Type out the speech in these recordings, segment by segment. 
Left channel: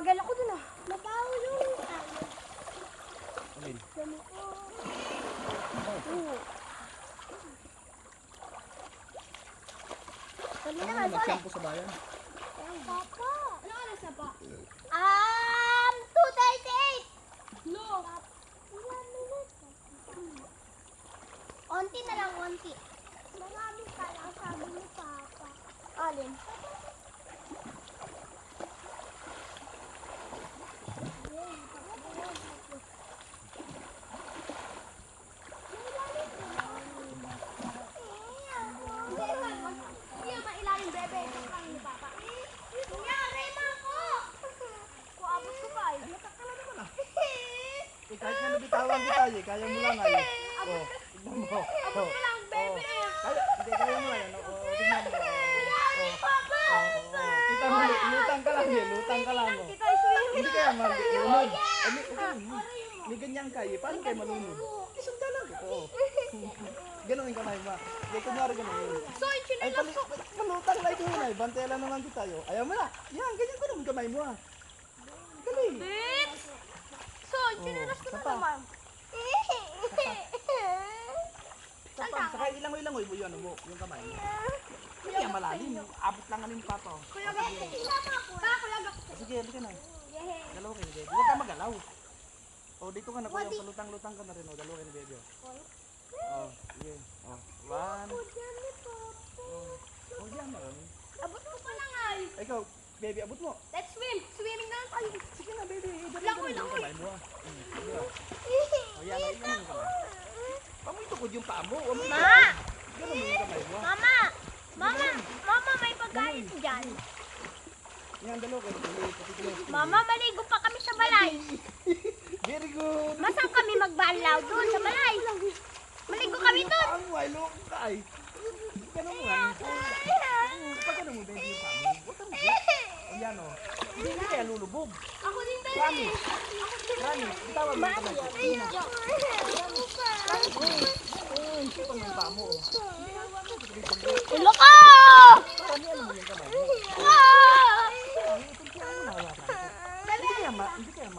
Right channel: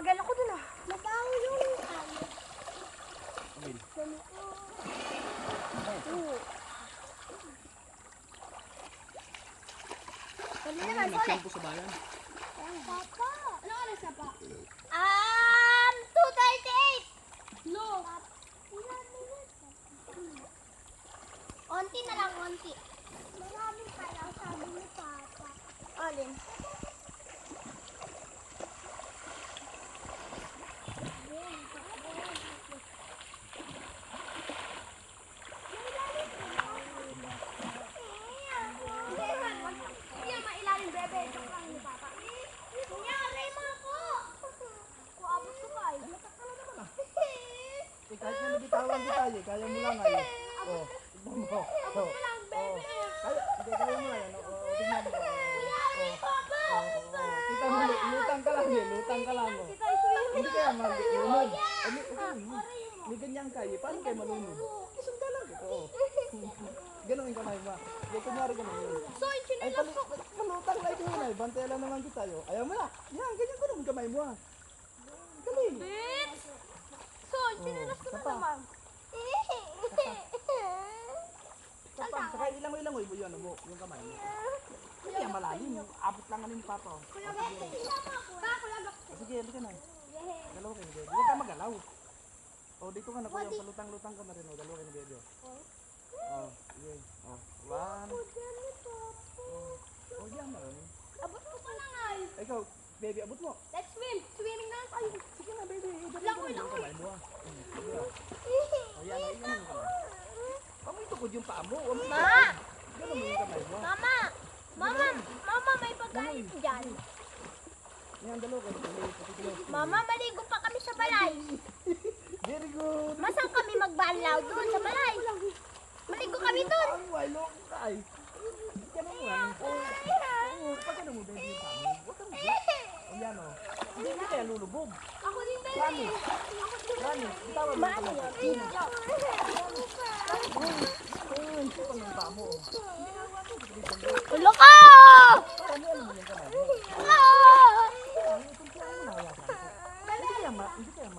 Papagal ako dun ah. Mabaho yung Amin. Dali Ano naman, yung sole. nagsampo sa bayan? Papa. Ano oras na pa? 2:38. No. Onti na lang, onti. Marami pa lang, sabi ni Papa. Alin? Yan, mailalim bebe. Ito lang ni Papa. Kunyari na ako. Kuabot ko pa eh. Natakala naman ah. Eh, kahit nga nabitawan kita eh, kaya mo lang ay. Oh, tignan mo. Abot ko lang bebe. Kaya, hindi kaya mo yan. Tignan mo. Kita mo, lutang ka lang eh, lutang ka lang. Kita ay swimming. Hindi kaya malunod. May ganyan kayo, paano kayo malunod? Isang lang. Oo. Ganun yung kamay mo. Hindi, kunwari ganun. So, yung Ay, chinelas ko. palutang like mo na. Bantay lang naman kita yo. Ayaw mo na. Yan, ganyan ko naman kamay mo ah. Dali. Bitch! So, yung chinelas ko na Sapa. naman. Saka ilangoy-langoy mo yun, mo, yung kamay mo. Hindi yan malalim. Abot lang alin pa to. Kuya Gak. Pa, Kuya Gak. Sige, halika na. Dalawa kayo ni Bebe. Huwag ka magalaw. O, dito ka na kuya. Palutang-lutang ka na rin. O, dalawa kayo ni Bebe. O, sige. O, one. O, yan marami. Abot ko pa lang ay. Ikaw, Bebe, abot mo. Let's swim. Swimming na lang tayo. Sige na, Bebe. Dali Langoy, ka na yung langoy. kamay mo ah. Sige ah. O, yan. Ayun yung kamay. Pamoy tukod yung paa mo. Huwag mo Ma! tukod. Ganun mo yung kamay mo. Mama! Mama, may pagkain dyan. Yan, dalawa kayo. Mama, maligo pa kami sa balay. Very good. Masang kami magbanlaw doon sa balay. Maligo kami doon. Ang walo ka ay. Ganun mo yan. Pag ganun mo, Bebe, yung paa mo. Huwag kang o yan o. Hindi kaya lulubog. Ako din ba? Rani. Rani. Bitawan mo yung kamay ko. Sige na. Sipang yung paa mo. Ulo ka! Parang yan mo yung kamay mo. Ay, tuntuan mo na hawakan ko. Hindi kaya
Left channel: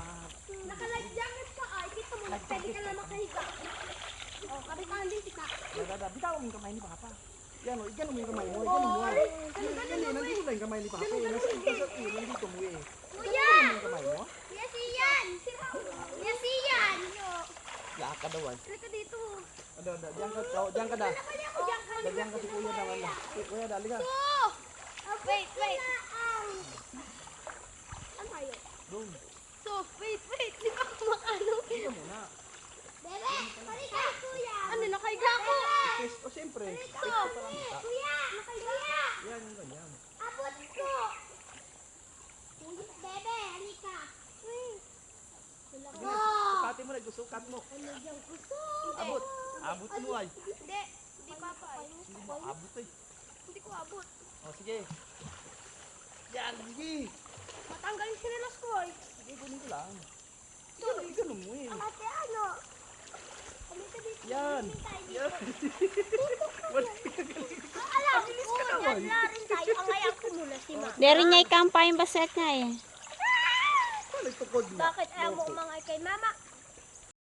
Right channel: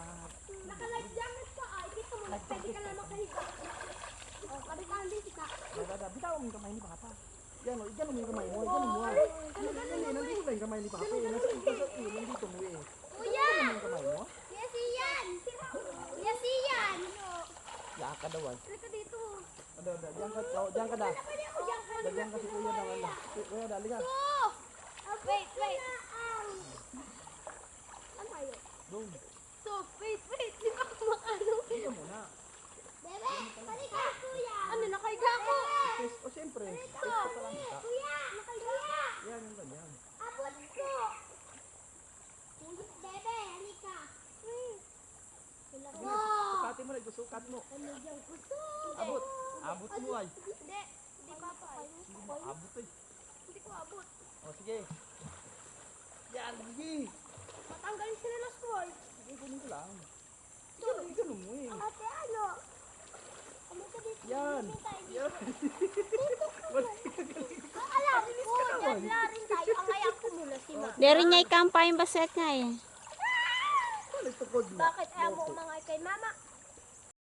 Naka-life jacket ka ay. Kita mo, pwede ka na makahiga. O, kabitaan din kita. Bitawan mo yung kamay ni Papa. Yan o, igano mo yung kamay mo. Igano mo ah. Nandito na yung kamay ni Papa. Nandito mo eh. Kuya! Igano mo yung kamay mo. Yes, iyan! Yes, iyan! Laka daw ay. Halika dito. Diyan ka da. Diyan ka si Kuya naman na. Kuya, dali ka. Oh! Wait. Ano tayo? Doon. So, wait. Di ba ako makano? Dito muna. Bebe, halika, kuya. Ano, nakahiga ako? Kiss. O siyempre. Kiss ko pa lang kita. Kuya, kuya. Yan yung ganyan. Abot ko. Bebe, halika. Sukati mo na. Sukat mo. Ano yung gusto? Abot. Abot mo ay. Hindi papakay mo. Hindi mo abot ay. Hindi ko abot. O sige. Yan. Sige. Matanggal yung sinelas ko ay. Sige, kunin ko lang. Ganun mo eh. Ate, ano? Halika dito. Yan. Yan. Wala ka galing. Alam ko, yan na rin tayo. Ang ayaw ko muna si Ma. Dari niya ikampay yung baset nga eh. Wala tukod na. Bakit ayaw mo umangay kay mama?